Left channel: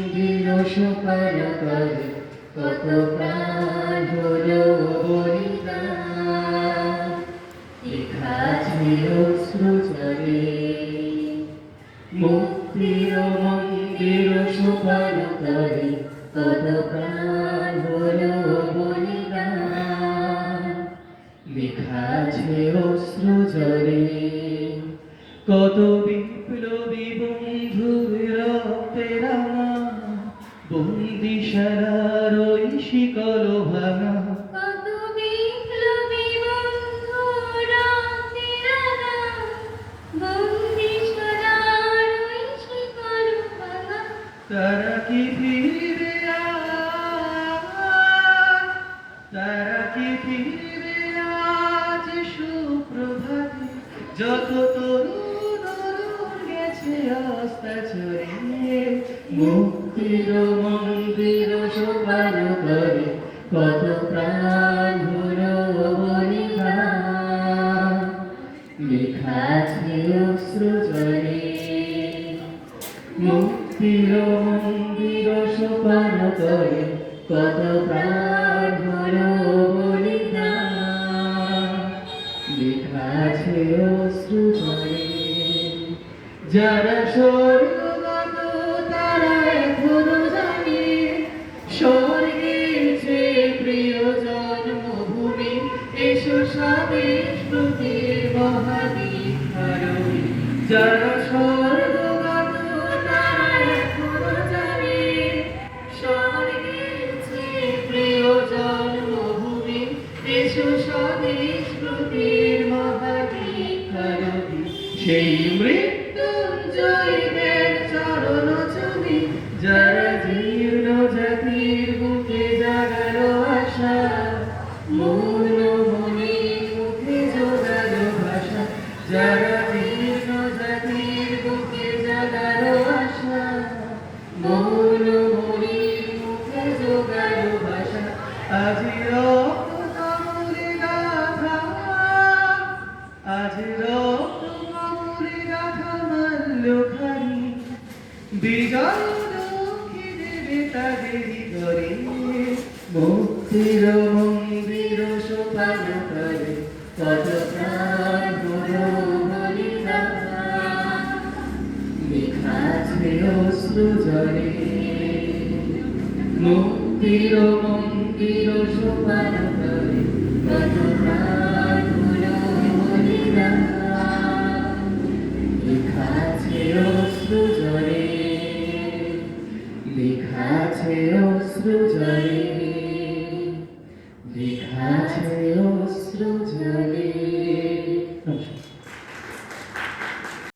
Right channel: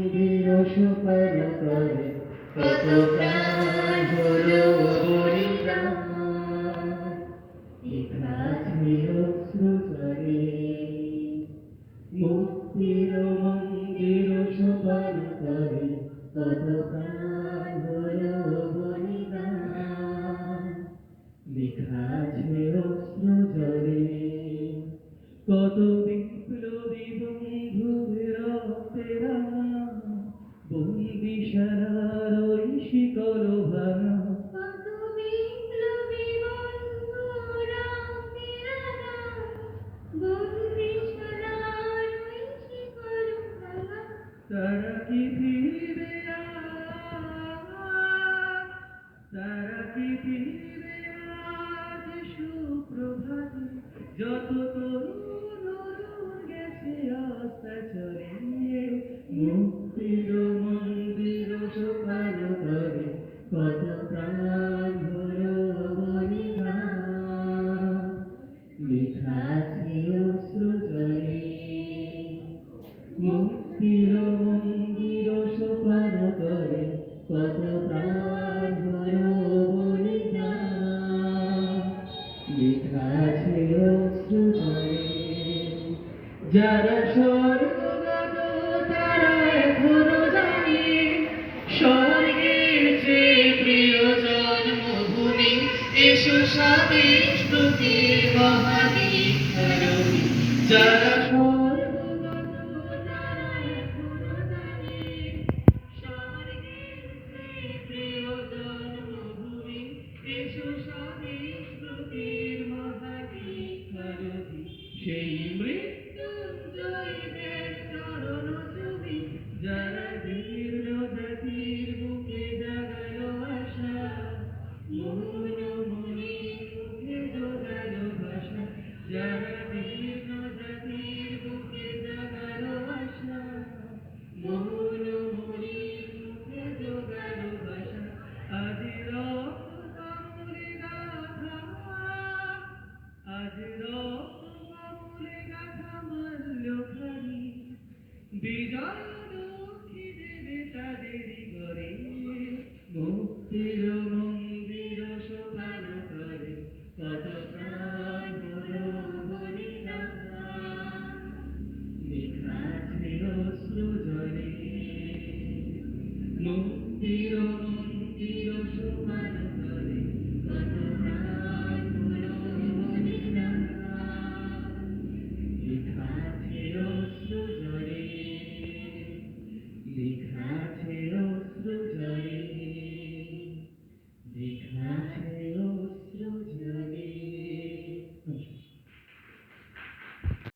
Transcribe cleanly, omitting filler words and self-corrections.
মন্দির সোপান তলে কত প্রাণ হলো বলিদান, লেখা ছিল অশ্রু জলে। মুক্তির মন্দির সোপান তলে কত প্রাণ হলো বলিদান, লেখা আছে অশ্রু জলে। কত বিপ্লবী বন্ধুর রক্তে রাঙা বন্দিশালার ওই শিকল ভাঙা, কত বিপ্লবী বন্ধু রক্তে রাঙা বন্দিশালার ওই শিকল ভাঙা। তারা কি ফিরবে তারা কি ফিরবে আজ সুপ্রভাতে, যত তরুণ অরুণ গেছে আস্থা ছড়িয়ে। মুক্তির মন্দির সোপান তলে কত প্রাণ হলো বলিদান, লেখা আছে অশ্রু জলে। মুক্তির মন্দির সোপান তলে কত প্রাণ হলো বলিদান, লেখা আছে অশ্রু জলে। যারা স্বর্গগত তারা এখনো জানে স্বর্গের চেয়ে প্রিয় জন্মভূমি। এসো স্বাদেশ প্রতির মহাদীক্ষারণী। যারা স্বর্গগত তারা এখনো জানে স্বর্গের চেয়ে প্রিয় জন্মভূমি। এসো স্বদেশ প্রতির মহাদীক্ষারণী। সেই মৃত্যুঞ্জয়ীদের চরণ ছবি, যারা জীর্ণ জাতির বুকে জাগালো আশা, মৌন মনে মুখে জোগালো ভাষা। যারা জীর্ণ জাতির বুকে জাগালো আশা, মৌন মনে মুখে জোগালো ভাষা। আজি রক্ত কমলে গাথা, আজি রক্ত কমলে গাথা মাল্যখানি, বিজয় লক্ষ্মী দেবে তাদেরই ঘরে। মুক্তির মন্দির সোপান তলে কত প্রাণ হলো বলিদান, লেখা আছে অশ্রু জলে। মুক্তির মন্দির সোপান তলে কত প্রাণ হলো বলিদান, লেখা আছে অশ্রু জলে। লেখা আছে অশ্রু জলে, লেখা আছে অশ্রু জলে।